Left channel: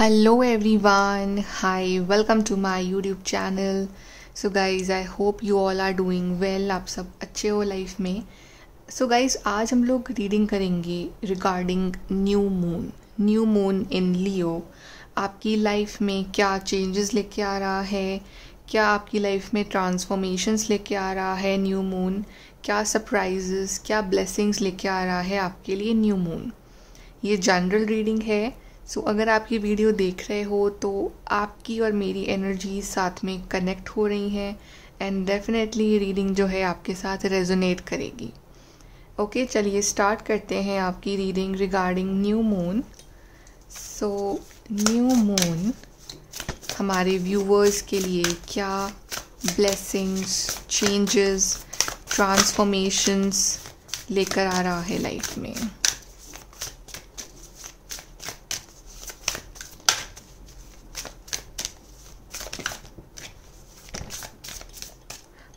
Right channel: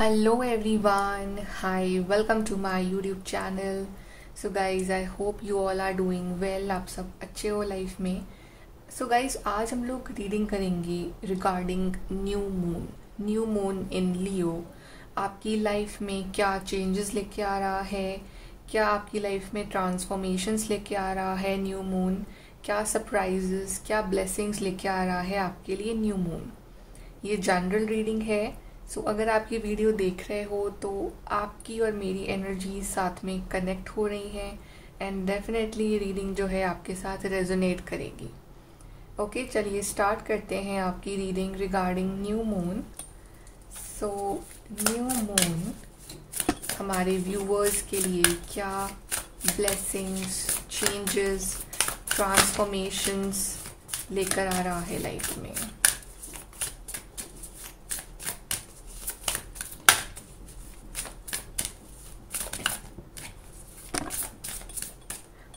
Hello everyone, hi, welcome to my YouTube channel. So guys, I hope you all are doing well. आप सब अच्छे हो life में. So guys, आज हम लोग रीडिंग करेंगे रिगार्डिंग न्यू मून इन लियो. आपकी लाइफ में क्या चेंजेस लेके आ रहा है, क्या आपकी लाइफ में ट्रांसफॉर्मेशंस लेके आ रहा है न्यू मून, क्या सरप्राइजेस, क्या ब्लेसिंग्स लेके आ रहा है आपके लिए न्यू मून. ये जनरल रीडिंग है. सो अगर आप ये वीडियो देख रहे हो तो आपकी और मेरी एनर्जी साथ में कनेक्ट हो रही हैं एंड डेफिनेटली ये रीडिंग जो है आपके साथ रेजोनेट करेगी. ओके, चलिए स्टार्ट करते हैं आपकी reading regarding new moon. So new moon हमारे व्यूवर्स के लिए क्या ब्लेसिंग्स, चेंजेस, ट्रांसफॉर्मेशंस लेकर आ रहा है लाइफ में.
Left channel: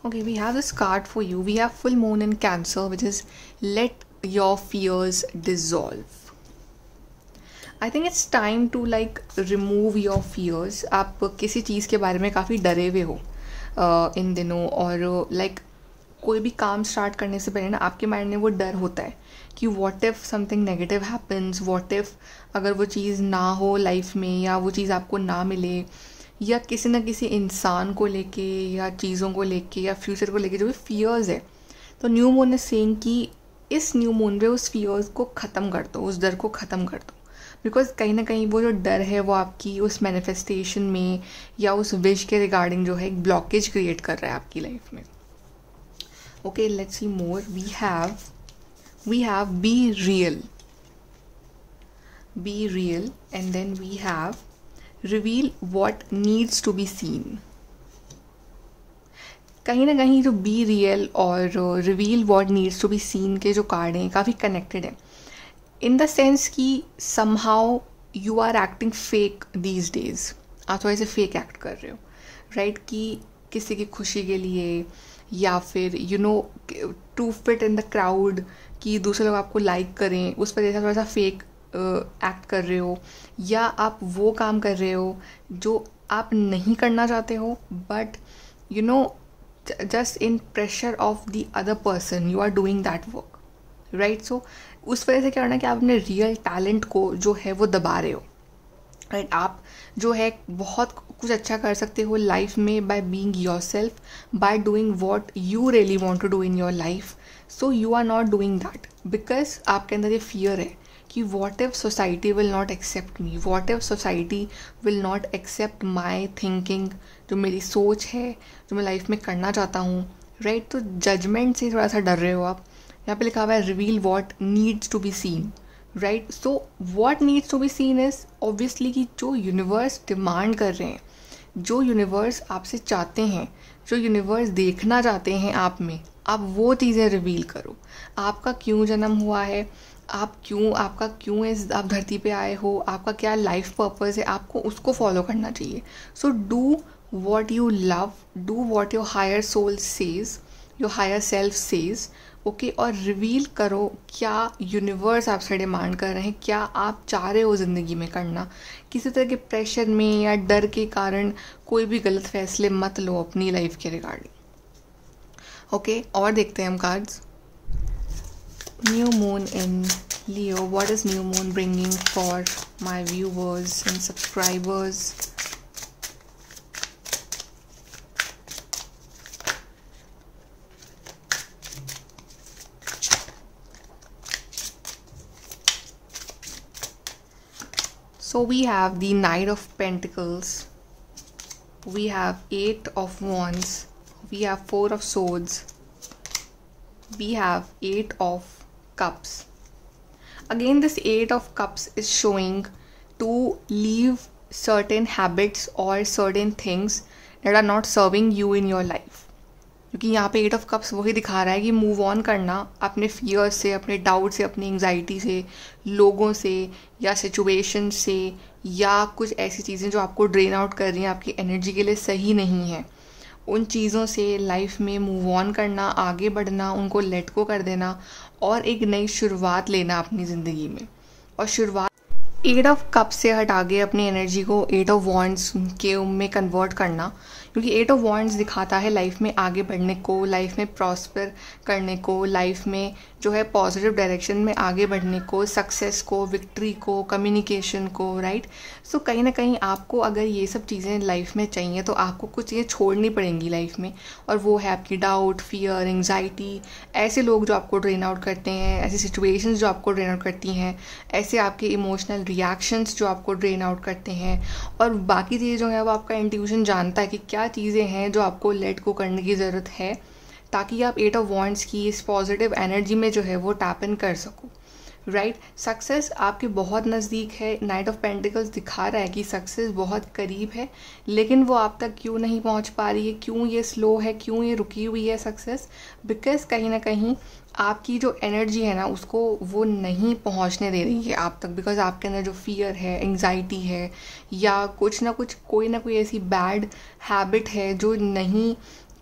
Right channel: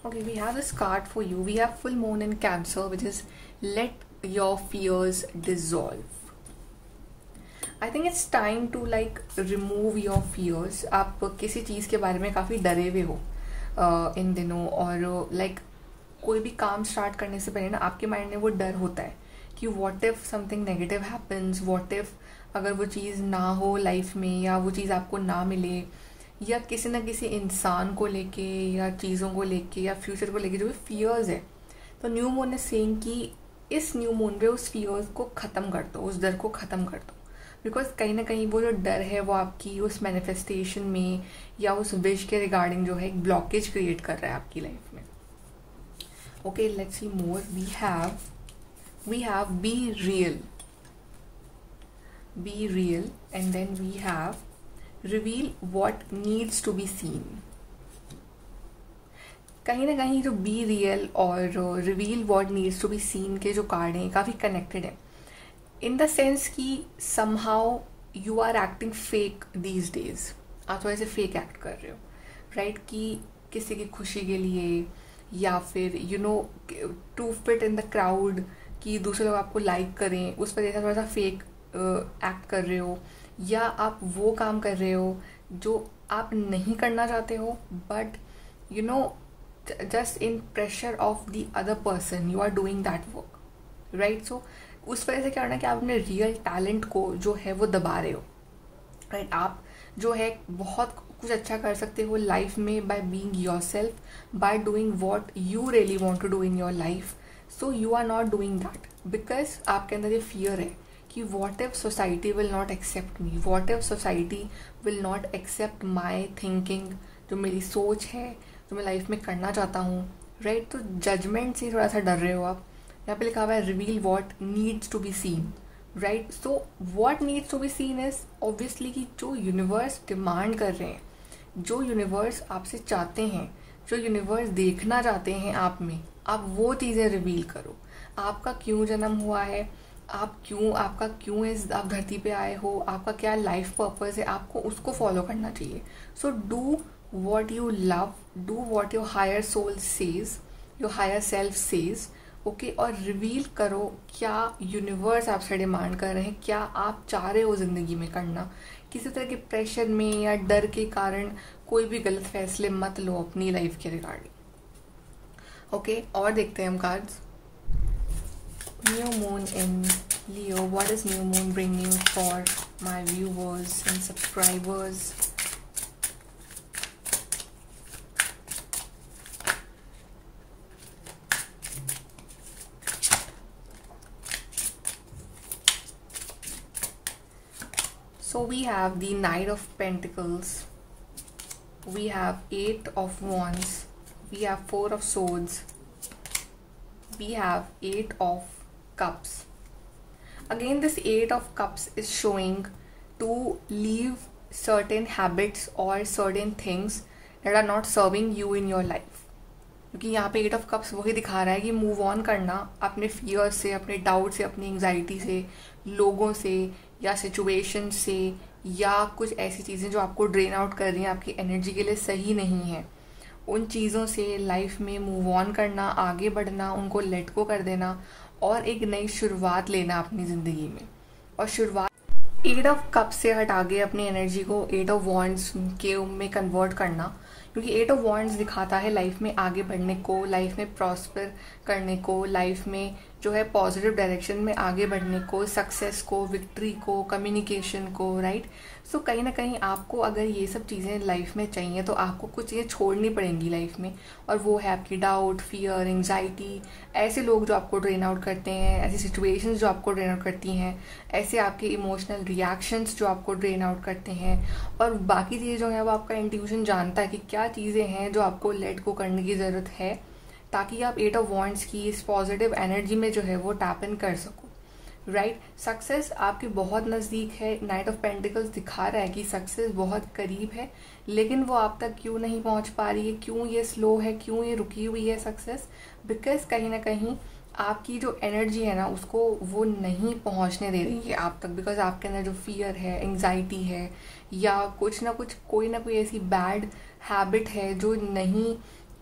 Okay, we have this card for you. We have full moon in Cancer, which is let your fears dissolve. I think it's time to remove your fears. आप किसी चीज़ के बारे में काफ़ी डरे हुए हो इन दिनों, और कोई भी काम स्टार्ट करने से पहले ना आपके माइंड में वो डर होता है कि what if something negative happens, what if अगर वो चीज़ ना हो लाइफ में, या वो चीज़ आपको ना मिले, या किसी न किसी इंसान को लेके या चीज़ों को लेके या फ्यूचर को लेके जो भी फियर्स है. तो न्यू मून इज सेइंग कि इस न्यू मून पे उस फियर्स को ख़त्म कर दो, उस डर को ख़त्म कर दो. बिकॉज कहीं ना कहीं वो जो डर है वो आपकी उस मैनिफेस्टेशन में या उस विश के रिगार्डिंग जो है एक ब्लॉकेज क्रिएट कर रहा है आपकी लाइफ में. Okay, let's see more. We have be real and then we have reveal what needs to be seen. कहीं ना कहीं जो बी रियल और reveal what needs to be seen के जो कार्ड हैं काफ़ी कनेक्टेड हैं, इन द सेंस कि somehow you are acting fake these days. आप थोड़े से फेक एक्ट कर रहे हो, राइट? कि किसी की खुशी के लिए, या फिर to fit in the crowd, कि दूसरे लोग आपको लाइक करें, उस पर थोड़ा सा फेक एक्ट कर रहे हो, या आप वो काम कर रहे हो जो आप नहीं करना चाहते हो, but just in pressure of the other person you are doing that work, right? So उस वजह से क्या होना कि आप अपने रियल टैलेंट को जो है वो दबा रहे हो, राइट? आप जो है बहुत कुछ अच्छा कर सकते हो लाइफ में by being yourself, by doing what you really want to do in your life. So you are not doing that because आपके अंदर ये फियर है कि what if society will not accept me, what if society will not accept my thinking, जो मेरी सोच है, जो मैं लाइफ में करना चाहता हूँ, राइट? तो जजमेंट से थोड़ा सा डर रहे हो आप. यहाँ पे लिखा हुआ है reveal what needs to be seen, right? So what needs to be seen is obviously कि जो यूनिवर्स डिमांड कर रहे हैं, जो यूनिवर्स आपसे चाहते हैं, जो यूनिवर्स देखना चाहते हैं आप में, आप वो चीज़ें रिवील करो. आपका क्यों जन्म हुआ है, आपका क्यों आप धरती पे आए हो, आपका क्या लाइफ पर्पस है, आपको उसको फॉलो करना चाहिए. So do what you love, do what your higher soul says, your higher self says. Okay, और रिवील करो क्या यूनिवर्स आपसे डिमांड कर रहे हैं, क्या आप चाह रहे हो ज़िंदगी में करना. किसी तरह के प्रेशर में या डर के कारण कोई भी गलत फैसले मत लो अपनी लाइफ के रिगार्डिंग. ओके, और देखते हैं हम cards. New moon in Leo. What is new moon bringing for my viewers and subscribers? So we have the Knight of Pentacles, we have Eight of Wands, we have Four of Swords, we have Eight of Cups. Again, this Eight of Cups is showing to leave certain habits or certain things that are not serving you in your life. क्योंकि यहाँ पे Eight of Cups वही दिखा रहा है कि move on करना अपने फियर से, अपने डाउट से, अपनी एंग्जाइटी से, लोगों से या सिचुएशन से, या कुछ ऐसी चीज़ें जो आपको ड्रेन आउट कर रही हैं, आपकी एनर्जी के लिए सही नहीं है, उन चीज़ों से लाइफ में मूव ऑन करना, आगे बढ़ना, उनको लेट गो कर देना और एक नई शुरुआत लेना अपनी ज़िंदगी में. और शुरुआत एट ऑफ कप से हटा के अपनी एनर्जी को एट ऑफ वॉन्ड्स के में कन्वर्ट करना, क्योंकि एट ऑफ वॉन्ड्स दिखाता है लाइफ में आगे बढ़ने को, लाइफ में प्रॉस्पर करने को, लाइफ में जो है पॉजिटिव डायरेक्शन में आगे बढ़ने को, सक्सेस को, विक्ट्री को, कम्युनिकेशन को, राइट। सो कहीं ना कहीं आपको अगर ये सब चीज़ें लाइफ में चाहिए तो आपको कुछ चीज़ें छोड़नी पड़ेंगी लाइफ में, और वो है आपकी डाउट, फियर, एंग्जाइटी, ऐसे लोग जो आपको ड्रेन आउट करते हैं, ऐसी सिचुएशंस जो आपको ड्रेन आउट करती हैं, ऐसे आपके इमोशनल रिएक्शंस जो आपको ड्रेन आउट करते हैं, और बाकी चीज़ें जो है वो आपका इंट्यूशन जानता है कि क्या चीज़ें हैं जो आपको लेट गो करने की ज़रूरत है, ताकि आप एट ऑफ वॉन्ड्स की इस पॉजिटिव एनर्जी में जो है वो टैप इन कर सको, राइट। सक्सेस आपके बहुत नज़दीक है। नाइट ऑफ पेंटिकल्स दिखा रहा है कि सक्सेस बहुत करीब है, लेकिन वो आप तक क्यों नहीं पहुंच पा रही है, क्यों ये स्लो है, क्यों ये रुकी हुई है सक्सेस, बिकॉज कहीं ना कहीं आपकी जो एनर्जी है ना उसको वो नहीं पहुंचने दे रही है आप तक, बिकॉज आपके अंदर जो फियर है, एंग्जाइटी है, या कुछ ना कुछ कोई ना कोई ऐसी बैड हैबिट है जो नहीं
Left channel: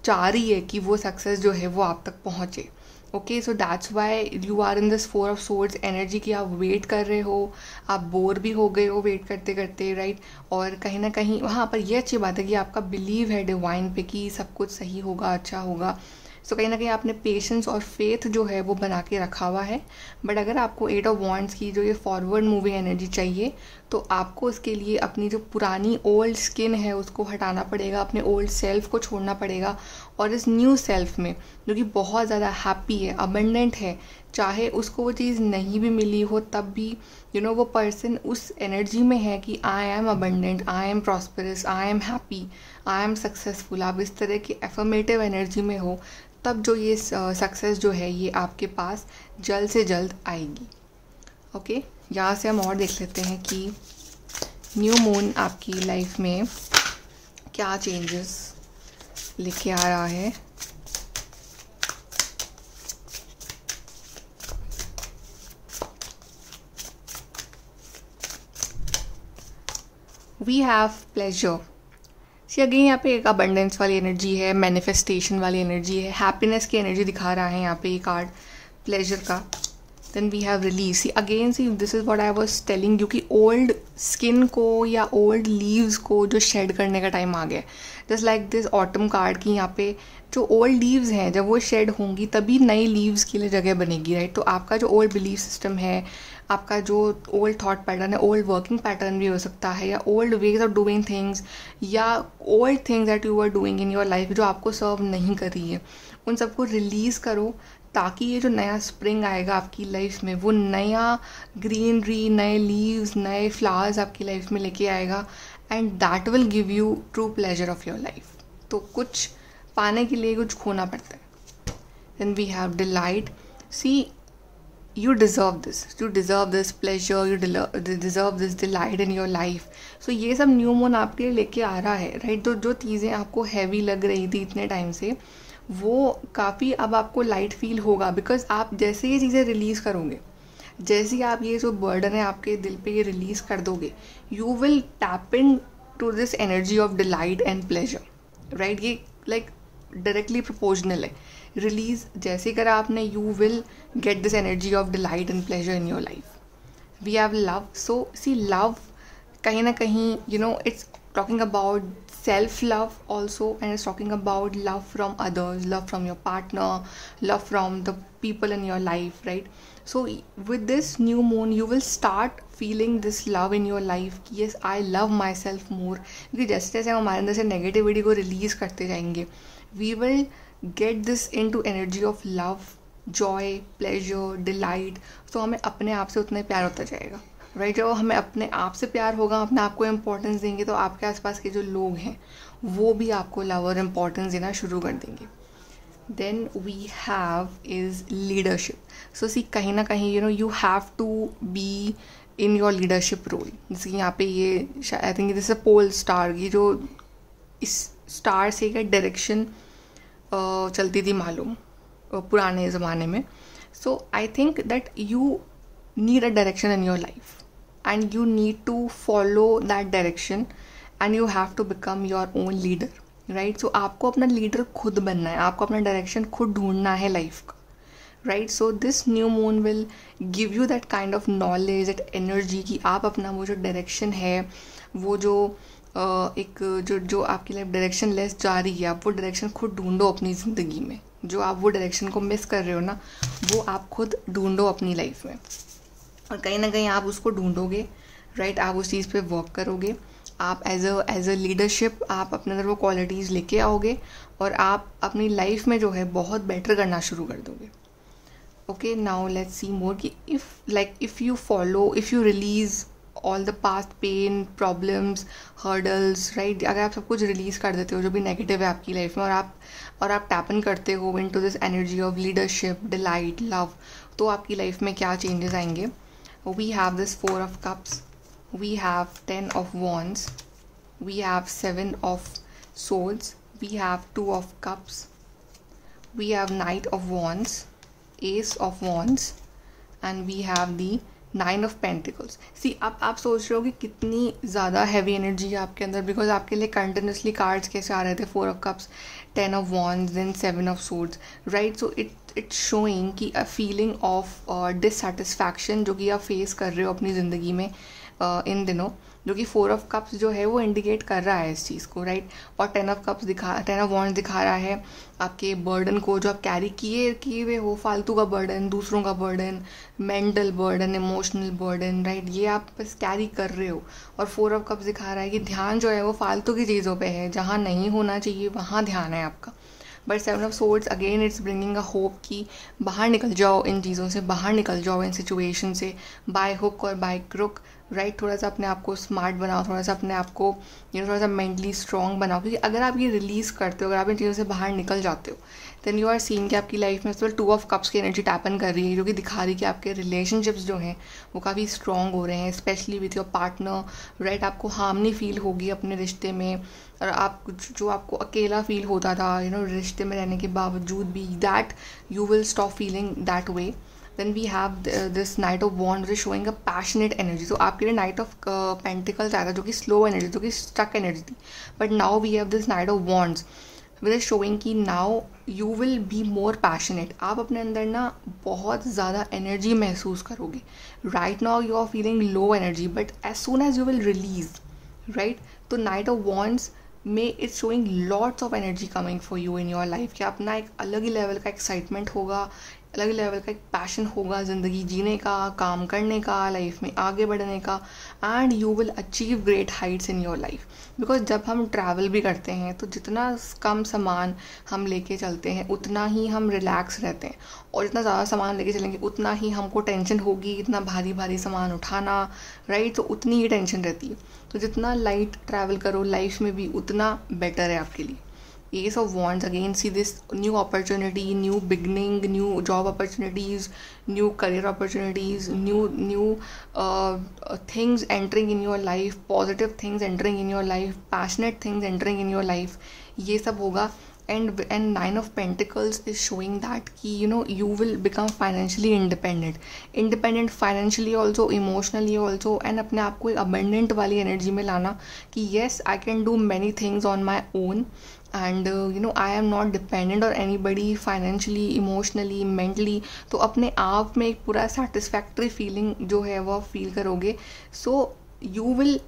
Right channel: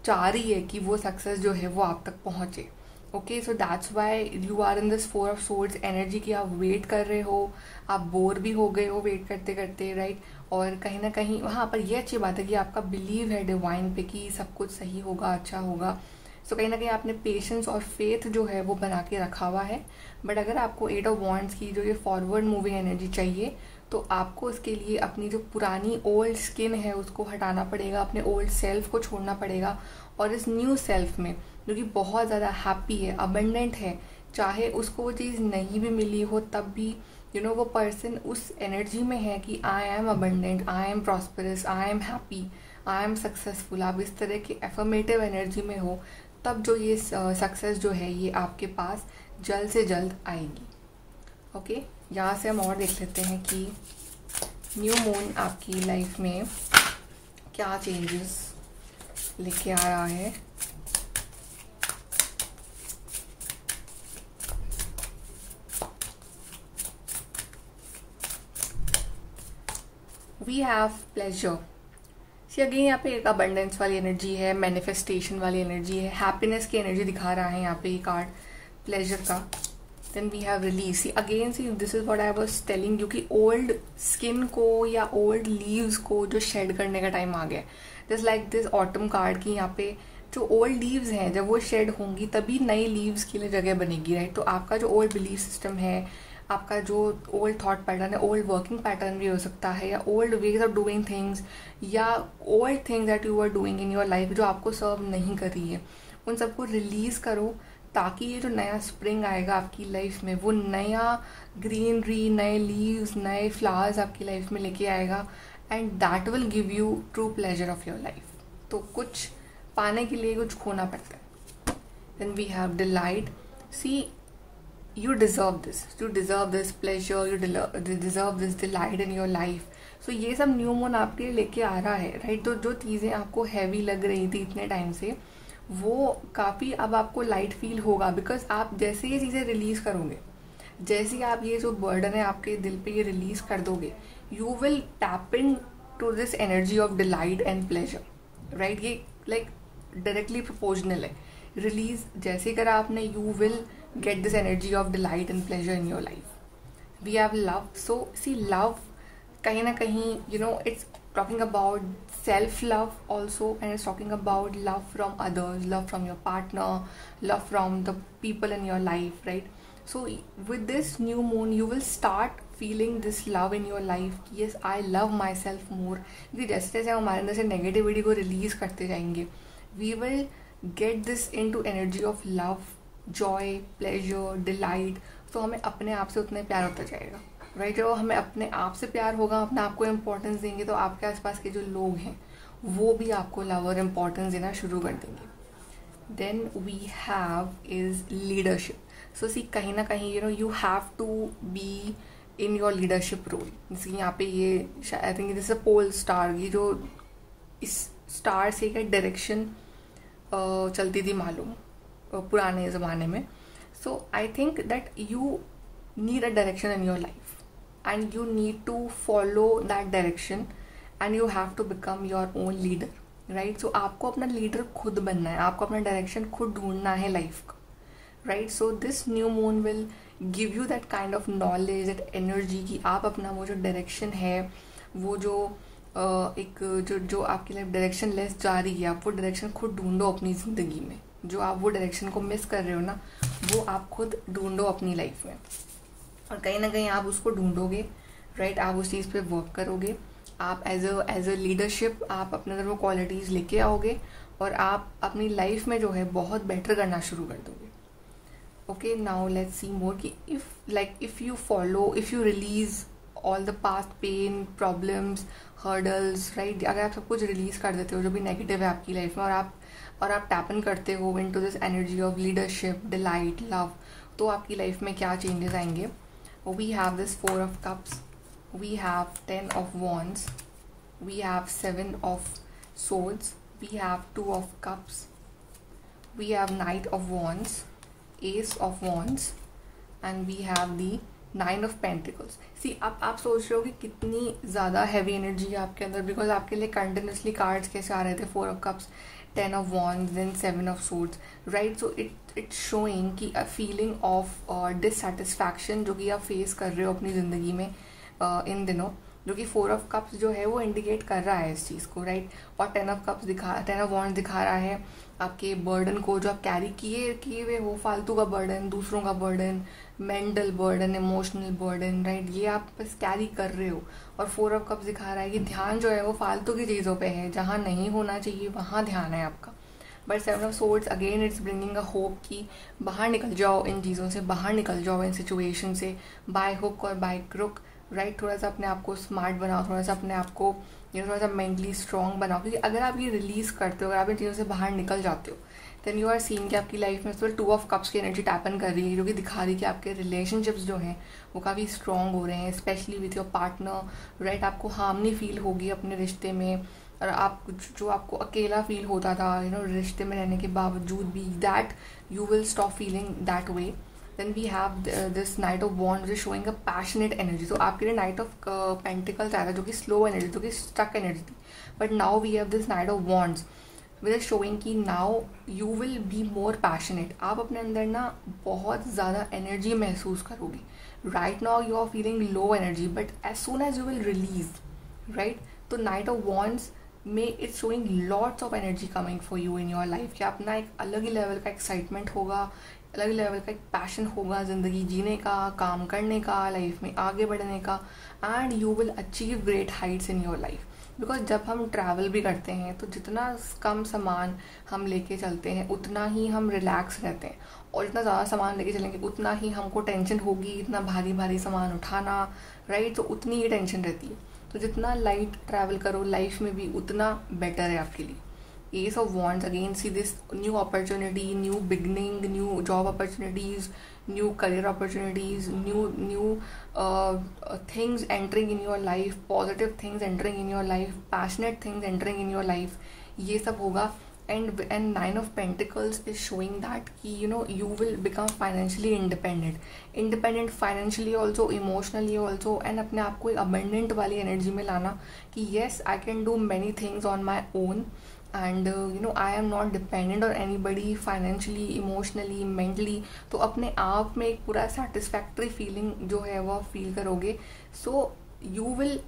चाह रही है कि वो सक्सेस जो है वो आप तक पहुंचे। Okay, so that's why you are in this four of swords energy की आप वेट कर रहे हो, आप बोर भी हो गए हो वेट करते करते, राइट। और कहीं ना कहीं वहाँ पर ये अच्छी बात है कि आपका बिलीव है डिवाइन पे कि सब कुछ सही होगा, अच्छा होगा। सो कहीं ना कहीं आपने पेशेंस और फेथ जो है वो बना के रखा हुआ है। बट अगर आपको एट ऑफ वॉन्ड्स की जो ये फॉरवर्ड मूविंग एनर्जी चाहिए तो आपको उसके लिए अपनी जो पुरानी ओल्ड स्किन है उसको हटाना पड़ेगा, अपने ओल्ड सेल्फ को छोड़ना पड़ेगा, और इस न्यू सेल्फ में जो कि बहुत ज़्यादा हैप्पी है, अबंडेंट है, चाहे उसको वो चीज़ नहीं भी मिली हो तब भी वो पर्सन उस एनर्जी में है कि I am abundant, I am prosperous, I am happy, I am successful. आप इस तरह की एफर्मेटिव एनर्जी में हो तब जो ये सक्सेस जो है ये आपके पास जल्द से जल्द आएगी। ओके, यहाँ से हम और देख लेते हैं कि न्यू मून आपकी लाइफ में क्या चेंजेस लेके आ रहा है। We have pleasure. See again यहाँ पे एक अबंडेंस वाली एनर्जी है, मैनिफेस्टेशन वाली एनर्जी है, हैप्पीनेस की एनर्जी दिखा रहा है यहाँ पे ये कार्ड प्लेजर का। Then we have release. See again see this is what I was telling you कि ओल्ड स्किन को या ओल्ड लीव्स को जो शेड करने का टाइम आ गया, just like this autumn card की यहाँ पे जो ओल्ड लीव्स हैं जब वो शेड होंगी तभी नई लीव्स के लिए जगह बनेगी, राइट। तो आपका जो ओल्ड बिलीफ सिस्टम है, आपका जो ओल्ड थॉट पैटर्न है, ओल्ड वर्किंग पैटर्न भी हो सकता है, या old ways of doing things, या old things that you are doing in your life जो आपको सर्व नहीं कर रही है, उन सबको रिलीज़ करो, ताकि ये जो नया स्प्रिंग आएगा आपकी लाइफ में वो नया ग्रीनरी, नए लीव्स, नए फ्लावर्स आपकी लाइफ में लेके आएगा, and that will give you true pleasure of your life. तो कुछ पाने के लिए कुछ खोना पड़ता है। Then we have delight. See you deserve this pleasure, you deserve this delight in your life. So ये सब न्यू मून आपके लिए लेके आ रहा है, राइट। तो जो चीज़ें आपको हैवी लग रही थी इतने टाइम से वो काफ़ी अब आपको लाइट फील होगा, बिकॉज आप जैसे ये चीज़ें रिलीज़ करोगे, जैसे ही आप ये जो बर्डन है आपके दिल पे ये रिलीज़ कर दोगे, you will tap into this energy of delight and pleasure, right. ये लाइक डायरेक्टली प्रोपोर्शनल है। रिलीज जैसे करा आपने, you will get this energy of delight and pleasure in your life. We have love. So see, love kahin na kahin it's talking about self love also, and it's talking about love from others, love from your partner, love from the people in your life, right? So with this new moon you will start feeling this love in your life. Yes, I love myself more, क्योंकि जैसे जैसे हम हमारे अंदर से negativity को release करते जाएंगे, we will get this into energy of love, Joy, pleasure, delight. तो हमें अपने आप से उतना ही प्यार होता जाएगा, राइट। जब हमें अपने आप से प्यार होगा, अपने आप को इम्पोर्टेंस देंगे, तो आपके आसपास के जो लोग हैं वो भी आपको लव और इम्पोर्टेंस देना शुरू कर देंगे। Then we have is leadership. So see कहीं ना कहीं you have to be in your leadership role. जैसे कि यहाँ पे ये I think this a pole star, ये जो इस स्टार से एक डायरेक्शन चलती थी मालूम पुराने ज़माने में। So I think that you need a direction in your life and you need to follow that direction and you have to become your own leader, right. So आपको अपना लीडर खुद बनना है, आपको अपना डायरेक्शन खुद ढूंढना है लाइफ का, right. So this new moon will give you that kind of knowledge, that energy कि आप अपना वो जो डायरेक्शन है, वो जो एक जो आपकी लाइफ डायरेक्शन लेस जा रही है, आप वो डायरेक्शन खुद ढूंढो अपनी ज़िंदगी में. जो आप वो डायरेक्शन को मिस कर रहे हो ना, वो आप खुद ढूंढो अपनी लाइफ में, और कहीं ना कहीं आप उसको ढूंढोगे. राइट. आप उस चीज़ पे वर्क करोगे. आप एज अ लीडरशिप आप अपने अंदर वो क्वालिटीज़ लेके आओगे, और आप अपनी लाइफ में जो है बहुत बेटर करना शुरू कर दोगे. Okay, now let's see more कि if you release all the past pain, problems, hurdles, right. अगर आप सब कुछ रिलीज़ कर देते हो जो भी नेगेटिव है आपकी लाइफ में, और आप टैप इन करते हो into this energy of leadership, delight, love, तो आपकी लाइफ में क्या चेंजेस आएंगे. We have this 4 of cups, we have 10 of wands, we have 7 of swords, we have 2 of cups, we have knight of wands, ace of wands, and we have the 9 of pentacles. सी आप सोच रहे हो कि कितनी ज़्यादा heavy energy है आपके अंदर, बिकॉज आपके लिए कंटिन्यूसली कार्ड्स कैसे आ रहे थे. 4 of cups, 10 of wands, then 7 of swords, right. So it's showing कि अ फीलिंग ऑफ डिससेटिस्फैक्शन जो कि आप फेस कर रहे हो अपनी ज़िंदगी में इन दिनों, जो कि 4 of cups जो है वो इंडिकेट कर रहा है इस चीज़ को, राइट. और 10 of wands दिखा रहा है आपके बर्डन को, जो आप कैरी किए हुए हो, फालतू का बर्डन, दूसरों का burden, mental burden, emotional burden, right. ये आप बस कैरी कर रहे हो. और 4 of cups दिखा रहा है कि ध्यान जो है वो फालतू की चीज़ों पे है, जहाँ नहीं होना चाहिए वहाँ ध्यान है आपका. But 7 of swords again it's bringing a hope कि बाहर निकल जाओ इन चीज़ों से, बाहर निकल जाओ इन सिचुएशन से, बाय हुक और बाय क्रुक, राइट. थोड़ा सा अपने आप को स्मार्ट बनाओ, थोड़ा सा अपने आप को थोड़ा सा मेंटली स्ट्रॉन्ग बनाओ, क्योंकि अगर आप ये रिलीज़ करते हो, अगर आप इन चीज़ों से बाहर निकल जाते हो, देन यू आर सीइंग कि आपकी लाइफ में सिर्फ 2 of cups की एनर्जी टैपन कर रही है, जो कि दिखा रही है कि आपके रिलेशनशिप्स जो हैं वो काफ़ी स्ट्रॉन्ग हो रहे हैं, specially with your partner, right. आपको हार्मनी फील होगी अपने रिश्ते में, और आप जो आपको अकेला फील होता था रिश्ते में रहने के बावजूद भी, that you will stop feeling that way. Then we have this Knight of Wands which is showing a passionate energy. So आपके लिए Knight of Pentacles आएगा जो कि slow energy, जो कि stuck energy थी. But now we have this Knight of Wands which is showing कि now you will be more passionate. आप अपने अंदर ना बहुत ज़्यादा energy महसूस करोगे. Right now you are feeling low energy, but as soon as you will release, right? तो Knight of Wands में it's showing lots of energy coming for you in your life, कि अपना एक अलग ही लेवल का excitement होगा, अलग ही level का एक पैशन होगा ज़िंदगी जीने का, काम करने का, लाइफ में आगे बढ़ने का, and you will achieve great heights in your life. Because जब हम ट्रैवल भी करते हैं तो जितना कम सामान हम लेके चलते हैं उतना ही हम रिलैक्स रहते हैं, और जितना ज़्यादा सामान लेके चलेंगे उतना ही हमको टेंशन होगी, इतना भारी भारी सामान उठाना, राइट. तो उतनी ही टेंशन रहती है. तो जितना लाइट ट्रैवल करो लाइफ में भी उतना बेटर है आपके लिए. Ace of Wands again, see this new opportunity, new beginning, new job opportunities, new career opportunities, new things entering in your life, positive things entering in your life, passionate things entering in your life. ये सब होगा. And 9 of Pentacles is showing that कि you will become financially independent financially also, emotionally also, and अपने आप को एक abundant वाली energy में लाना कि yes I can do many things on my own, and I am not dependent on anybody financially, emotionally, mentally. तो अपने आप में एक पूरा satisfactory feeling जो है वो फील करोगे. So you will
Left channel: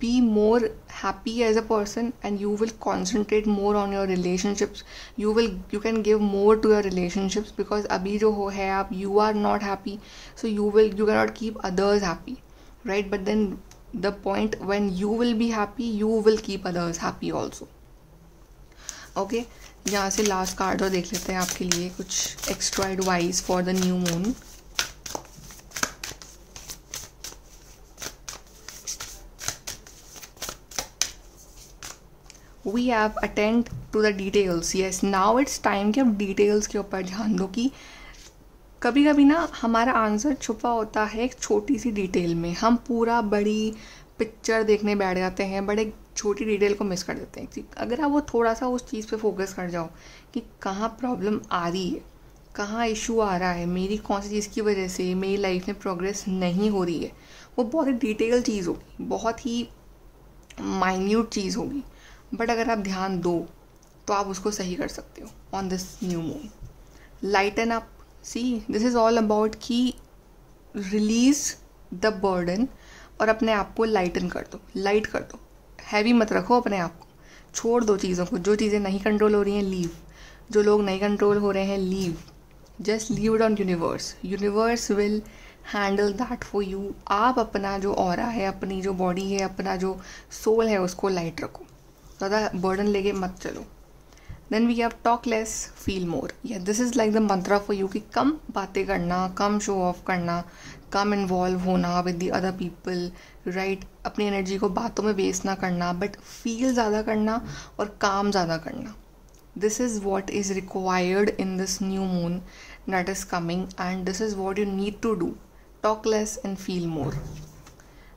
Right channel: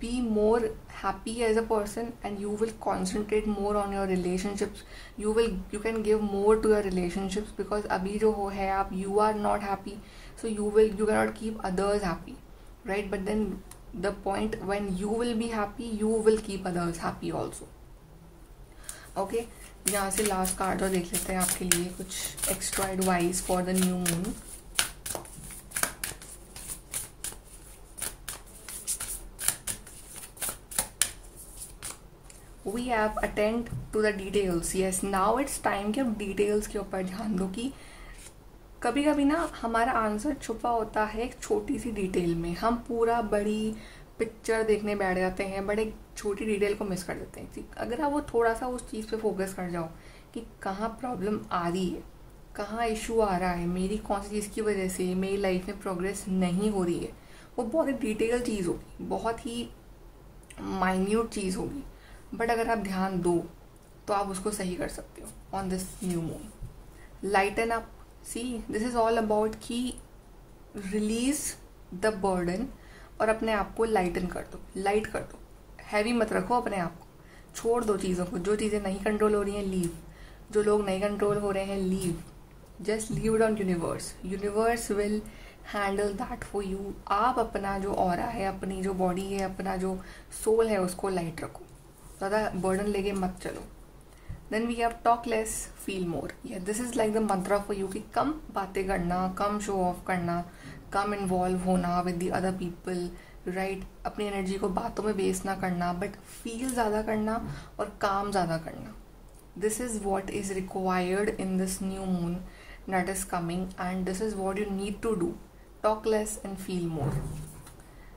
be more happy as a person, and you will concentrate more on your relationships. You can give more to your relationships, because अभी जो हो है आप, you are not happy, so you cannot keep others happy, right? But then the point when you will be happy, you will keep others happy also. Okay, यहाँ से last card और देख लेते हैं आपके लिए कुछ extra advice for the new moon. We have attend to the details. Yes, now it's time कि अब डिटेल्स के ऊपर ध्यान दो. कि कभी कभी ना हमारा आंसर छुपा होता है एक छोटी सी डिटेल में. हम पूरा बड़ी पिक्चर देखने बैठ जाते हैं, बट एक छोटी डिटेल को मिस कर देते हैं. अगर आप वो थोड़ा सा उस चीज़ पे फोकस कर जाओ कि कहाँ प्रॉब्लम आ रही है, कहाँ इशू आ रहा है, मेरी कौन सी चीज़ की वजह से मेरी लाइफ में प्रोग्रेस नहीं हो रही है, वो बहुत ही डिटेल चीज़ होगी, बहुत ही माइन्यूट चीज़ होगी. बट अगर आप ध्यान दो तो आप उसको सही कर सकते हो on this new moon. Lighten up, see this is all about कि रिलीज द बर्डन और अपने आप को लाइटन कर दो, लाइट कर दो, हैवी मत रखो अपने आप को, छोड़ दो चीज़ों को, जो चीज़ें नहीं कंट्रोल हो रही हैं लीव, जो लोग नहीं कंट्रोल हो रहे हैं leave, just leave it on universe, universe will handle that for you. आप अपना जो ऑरा है, अपनी जो बॉडी है, अपना जो सोल है उसको लाइट रखो, ज़्यादा बर्डन लेके मत चलो। Then we have talk less feel more, या this is like the mantra for you कि कम बातें करना, कम शो ऑफ करना, कम इन्वॉल्व होना with the other people, right. अपनी एनर्जी को बातों में वेस्ट ना करना, बट फील ज़्यादा करना और काम ज़्यादा करना। This is what is required in this new moon that is coming, and this is what you need to do. Talk less and feel more.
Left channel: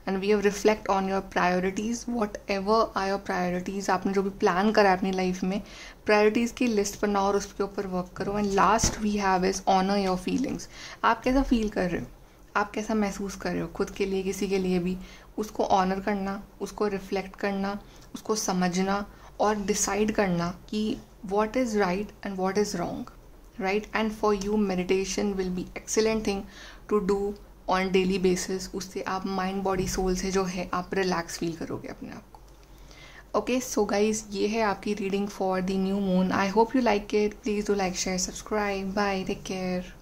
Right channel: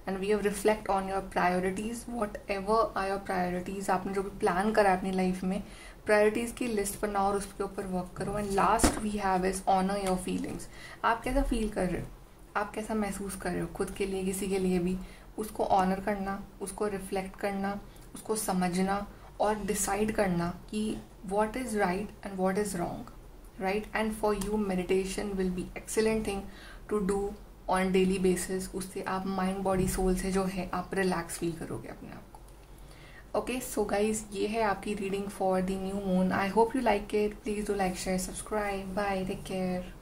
And we have reflect on your priorities. Whatever are your priorities, आपने जो भी plan करा है अपनी life में, priorities की list बनाओ और उसके ऊपर वर्क करो। And last we have is honour your feelings. आप कैसा फील कर रहे हो, आप कैसा महसूस कर रहे हो खुद के लिए, किसी के लिए भी, उसको ऑनर करना, उसको रिफ्लेक्ट करना, उसको समझना और डिसाइड करना कि what is right and what is wrong, right? And for you meditation will be excellent thing to do on daily basis. उससे आप माइंड बॉडी सोल से जो है आप रिलैक्स फील करोगे अपने आप को। ओके सो गाइज, ये है आपकी reading for the new moon. I hope you like it. Please do like, share, subscribe. Bye, take care.